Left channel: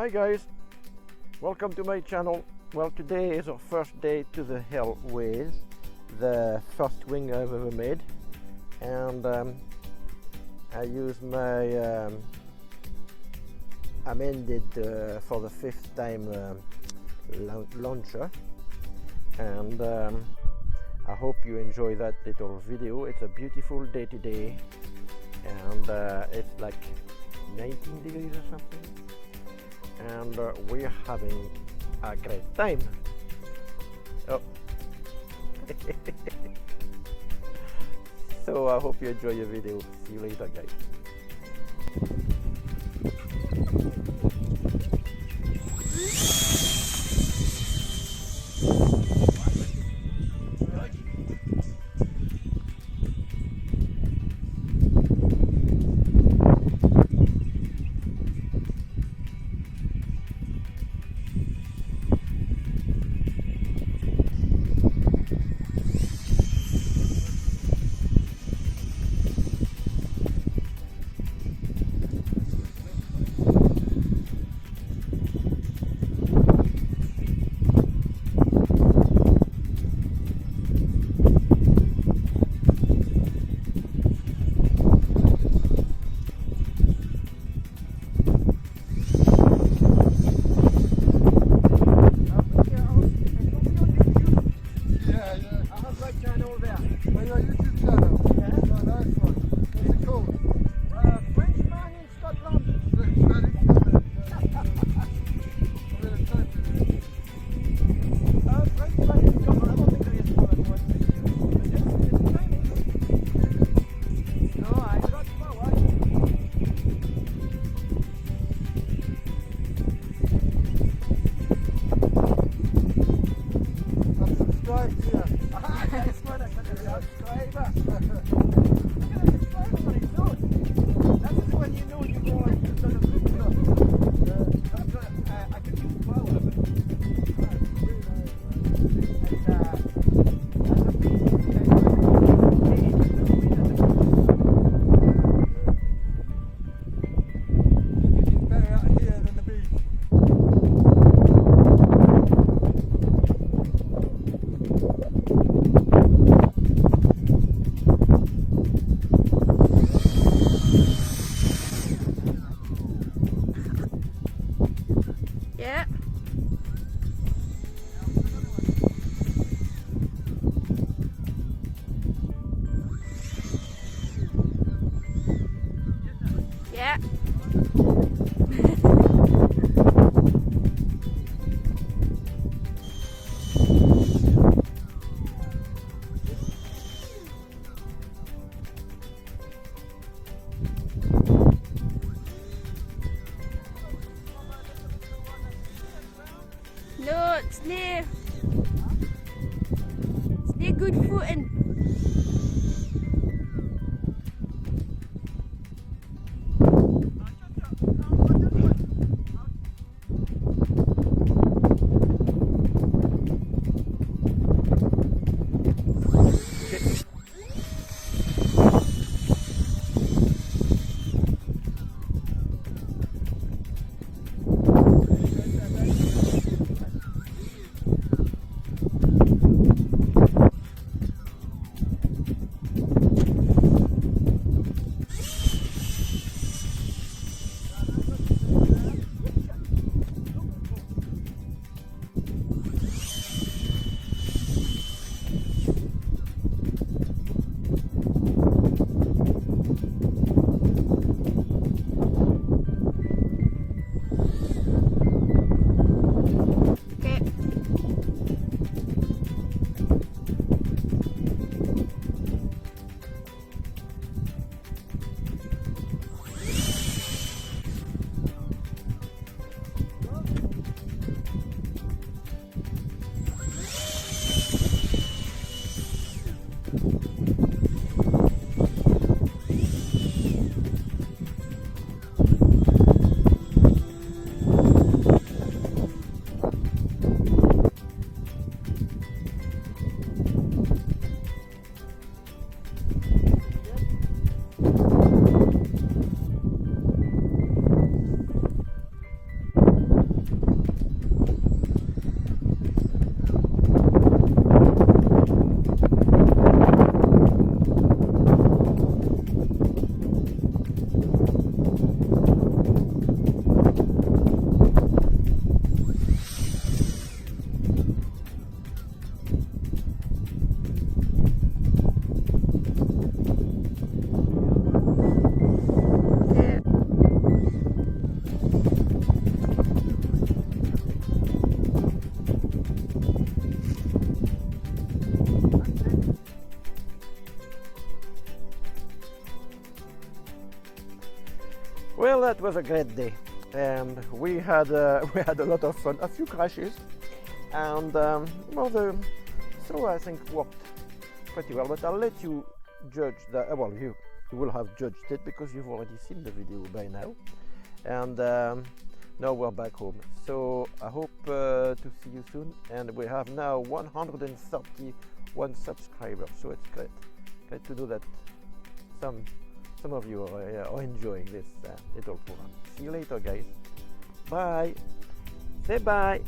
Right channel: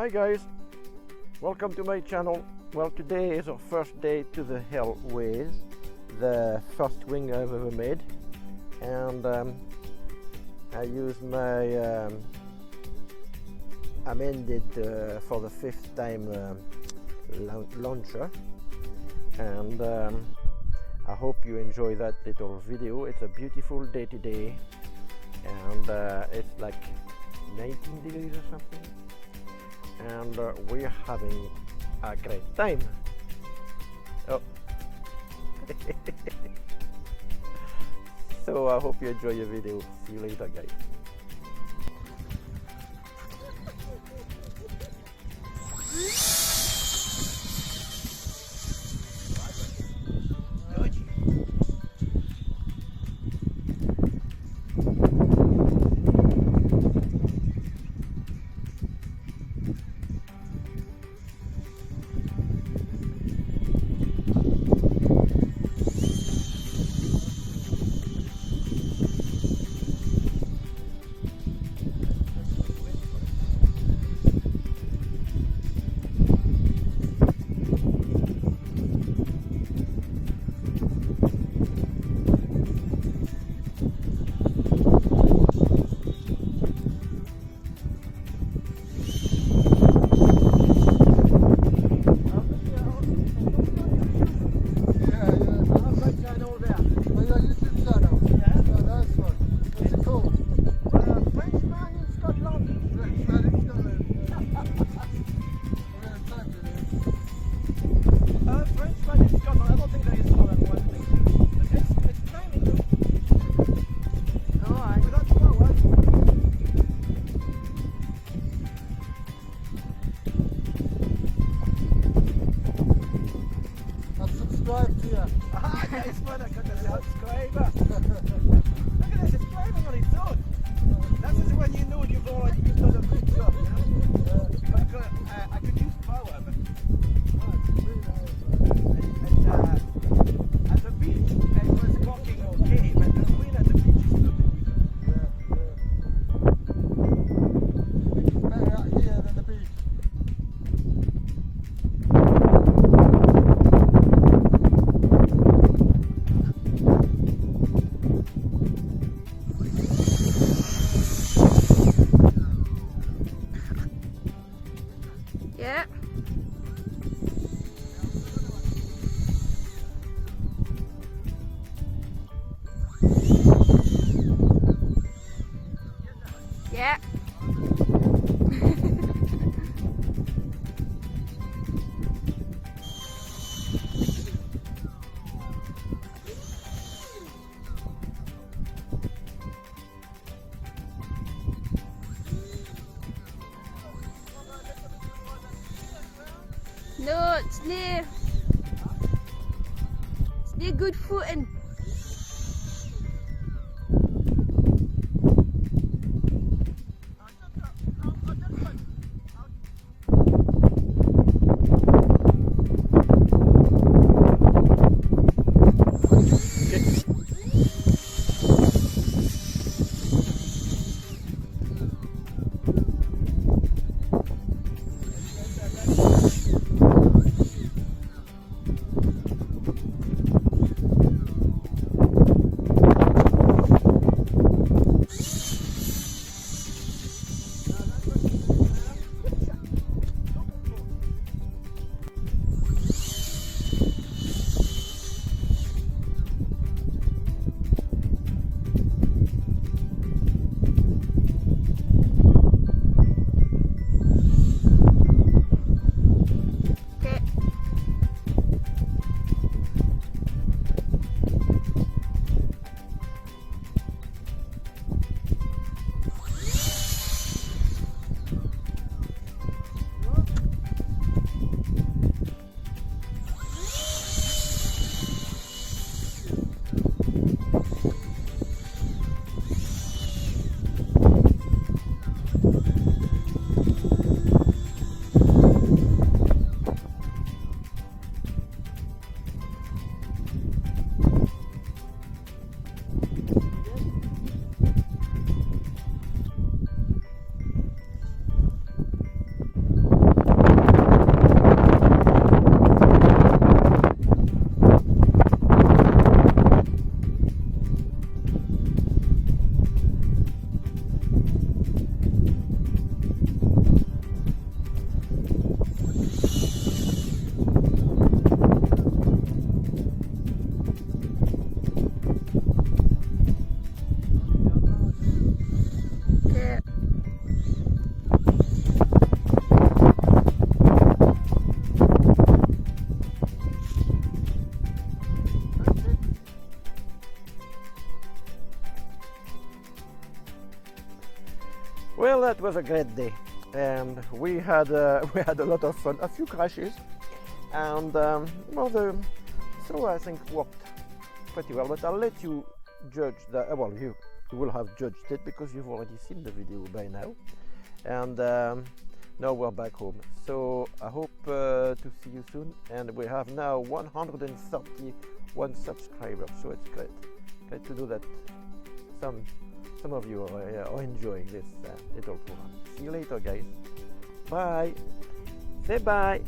Hi guys, welcome to my channel. Well, today is our first day to the hill with the first wing I've ever made, and I use my amended for the fifth time launcher, and I hope you enjoy that little video. It's a beautiful day today, and it's like 19 degrees or something, and we're having a great time. Oh. So I hope you enjoy your video. See you later, guys. Yeah. Yeah. No, it's not good footing. Well, that was a great day, and we had a lot of fun. A few crashes, and well, the throw I think worked pretty well. But I'll let you judge that. Well, you will have judged it because you've already seen the video by now. And now we're back home. So I hope to see you soon. And we have now 131 subscribers. So it's great to know that some of you are enjoying this little program. See you later, guys. Bye. Say bye.